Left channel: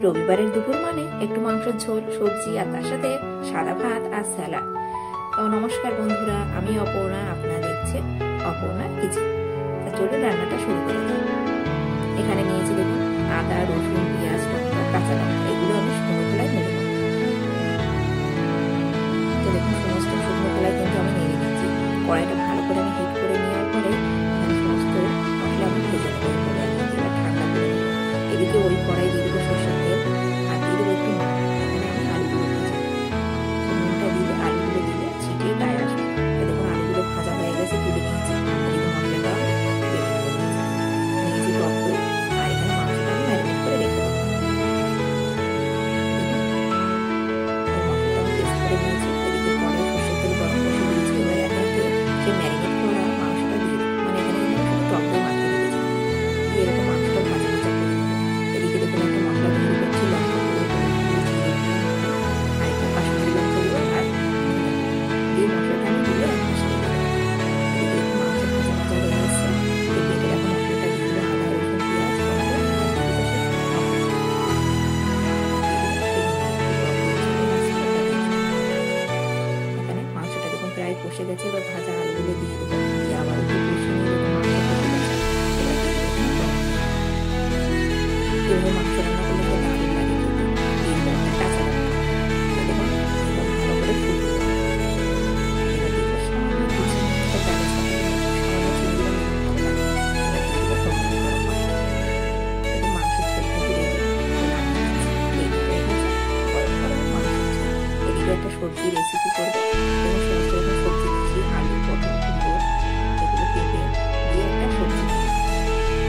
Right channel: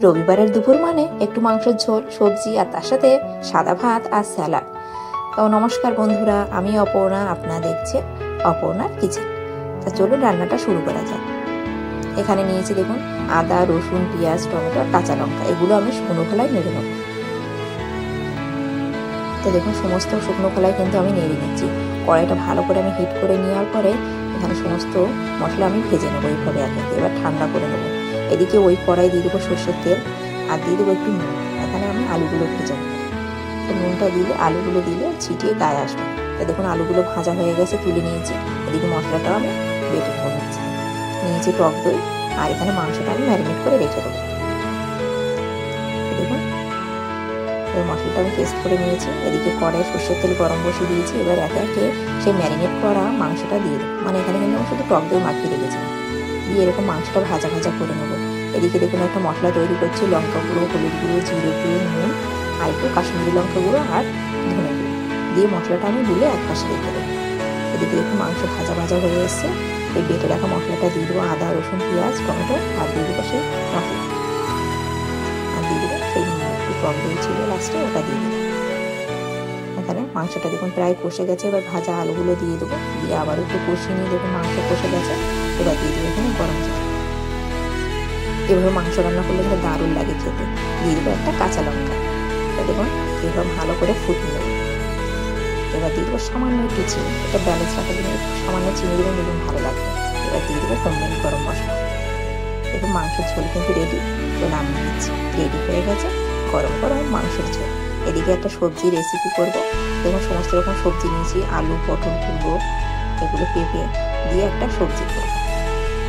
রবিবারের দুপুর মানে একটু মাংসের ঝোল, সবজি আর তার সাথে সাদা ভাত আর স্যালাড। তো নমস্কার বন্ধুরা, আমি অপর্ণা, আপনারা দেখছেন অপর্ণার কিচেন। তা চলুন রান্নাটা শুরু করা যাক। এখানে নিয়েছি দেখুন আদা, রসুন, পেঁয়াজ, টমেটো আর কাঁচা লঙ্কা। এগুলো আমি শুকনো খোলায় নেড়ে নেব। তো দেখুন সমস্ত শুকনো খোলায় কিন্তু আমি নেড়ে দিচ্ছি। কড়াইটা ভালো করে আমি হিট করে নেওয়ার পরে এখানে সমস্ত মশলা আমি ভেজে নেবো এইভাবে আগে। এবার ঠান্ডা করে নেবো। এদিকে ওই কড়াই দিয়ে দেবো সর্ষের তেল আর দিয়ে দেবো একটু নুন। এখানে আমি আলুগুলো ভেজে নেবো। তো নুনটা দিলে আলুগুলো দিলে ছিটিয়ে গায়ে আসবে। তো দেখুন আলুগুলো ভাজা হয়ে গেছে, তুলে নিয়েছি। এদিকে মশলাটাও আমি বেটে করে নিয়েছি টক দই, আর এখানে মাংসটা আমি ম্যারিনেট করে রেখে দেবো। দেখুন এই মশলাটা আমি পেস্ট করে নিয়েছি। এদিকে কড়াই সর্ষের তেল গরম বসিয়ে দিয়েছি। এবার একে একে সেই ম্যারিনেট করা মাংসটা দিয়ে দেবো। মানে এখানে কিন্তু আমি শুধু টক দই মাখিয়ে রেখেছিলাম। দিয়ে এরকম মাংসটা ভাজা ভাজা করে নেবো। এদিকে দেখুন একটা মশলা তৈরি করছি। লঙ্কা গুঁড়ো, হলুদ গুঁড়ো, জিরে গুঁড়ো, নুন আর একটু কাশ্মীরি লঙ্কা গুঁড়ো আর ধনে গুঁড়ো দিয়ে মশলাটা আমি গুলে এক পাশে রেখে দেবো। এদিকে একটু মাংস ভাজা ভাজা হয়ে এসছে। এই বেটে রাখা মশলাটা দিয়ে দেবো। আদা, রসুন, পেঁয়াজ, টমেটো আর দিয়ে দেবো সেই মশলা, আর দিয়ে দেবো সেই একটু টক দই ছিল লাস্টে, ওটা দিয়ে দেবো। এখানে মাংসটা দেখুন প্রায় কষে গেছে। এবার ভাজা আলুগুলো দিয়ে দেবো। দিয়ে আবার একটু কষিয়ে নিয়ে দেখুন মাংস কষে গেছে। এবার দিয়ে দেবো এখানে গরম জল। এভাবে মাংস রান্না করলে কিন্তু দারুণ লাগে খেতে। দিয়ে দেবো একটা কাঁচা লঙ্কা। দেখুন এবার ভালো করে ফুটিয়ে দেবো। এবার দিয়ে দেবো সামান্য একটু চিনি। এটা ব্যালেন্স রাখার জন্য সামান্য চিনি দিলে দেখুন ভালো লাগবে। এবার দিয়ে দেবো হোমমেড গরম মশলা। দেখুন মাংসের ঝোল কিন্তু রেডি। তো নামিয়ে দিচ্ছি। রেডি হয়ে গেছে গরম গরম মাংসের ঝোল। এদিকে একটা সবজি রেসিপি করবো। দেখুন সমস্ত রকম সবজি নিয়েছি, আলু, পটল, কুমড়ো, এগুলো পেঁপে দিয়ে একটা সবজি করবো।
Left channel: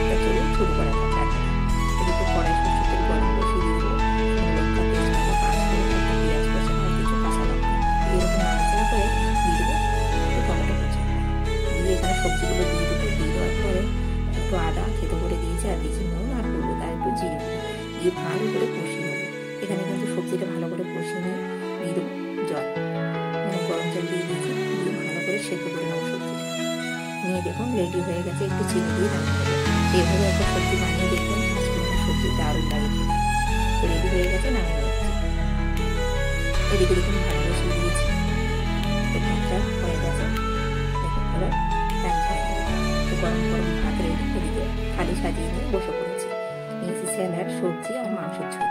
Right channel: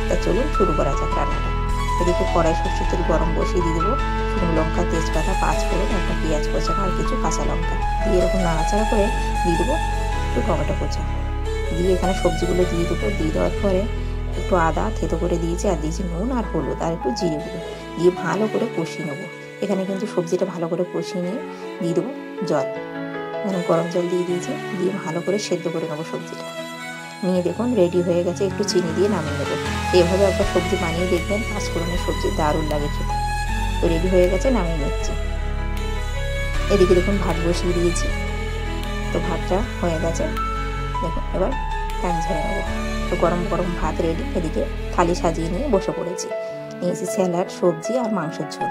তা চলুন শুরু করা যাক রান্নাটা। এদিকে কড়াই সর্ষের তেল গরম বসিয়ে দিয়ে দেবো। শুকনো লঙ্কা, তেজপাতা, 5 ফোড়ন, একটা পেঁয়াজ কোচানো আর কিছু কাঁচা লঙ্কা দিয়ে এরকম নাড়াচাড়া করে দিয়ে দেবো একটু টমেটো কোচা। দিয়ে এখানে সবজিগুলো দিয়ে দেবো। দিয়ে দেওয়ার পরে একটু আদা থেতো করে দিয়েছি, আর দিয়েছি নুন আর হলুদ আর একটু জিরে গুঁড়ো দিয়ে ভালো করে কষিয়ে নেবো। এখানে কিন্তু সবজিটা ভালো করে কষিয়ে নিয়ে দিয়ে দেবো জল। এখানে গরম জল দিয়ে দিয়েছি। দিয়ে ভালো করে সেদ্ধ করে নেবো সবজিটা। নিয়ে দেখুন রেডি হয়ে গেছে। একটু চিনি দিয়ে নামিয়ে নেবো। এভাবে একবার সবজি বানিয়ে দেখবেন, 5 ফোড়নের সবজি দারুণ লাগে খেতে। তো রেডি হয়ে গেছে, নামিয়ে নিচ্ছি। এদিকে দেখুন ভাত বসিয়ে দিয়েছি। তো ভাতটা হয়ে গেছে। দেখুন এবার ফ্যান ঝেড়ে নেবো। তো গরম গরম ভাত রেডি। এদিকে থালি সাজিয়ে নিয়ে বসে পড়েছি। নিয়েছি স্যালাড, সবজি আর মাংসের ঝোল।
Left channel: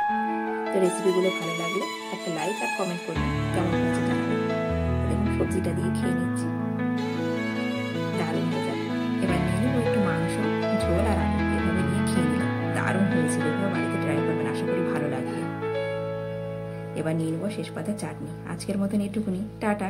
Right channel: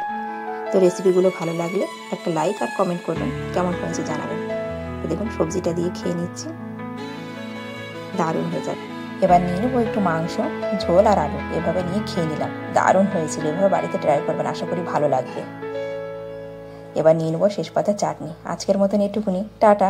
তো রেসিপিগুলো ভালো লাগলে একটা লাইক আর কমেন্ট করবেন, কেমন হয়েছে জানাবেন। তো দেখুন সবজিটা দিয়ে খেয়ে নিচ্ছি, দারুণ হয়ে যাবে। এবার নিয়ে নেবো একটু মাংস, ঝোল আর আলু। এভাবে নিয়ে খেয়ে নিলাম, দারুণ হয়েছিল। এভাবে বাড়িতে ট্রাই করবেন, আশা করি ভালো লাগবে। এবার নিয়ে নেবো শেষ পাতে চাটনি। আজকের মতন এটুকুনি, টাটা।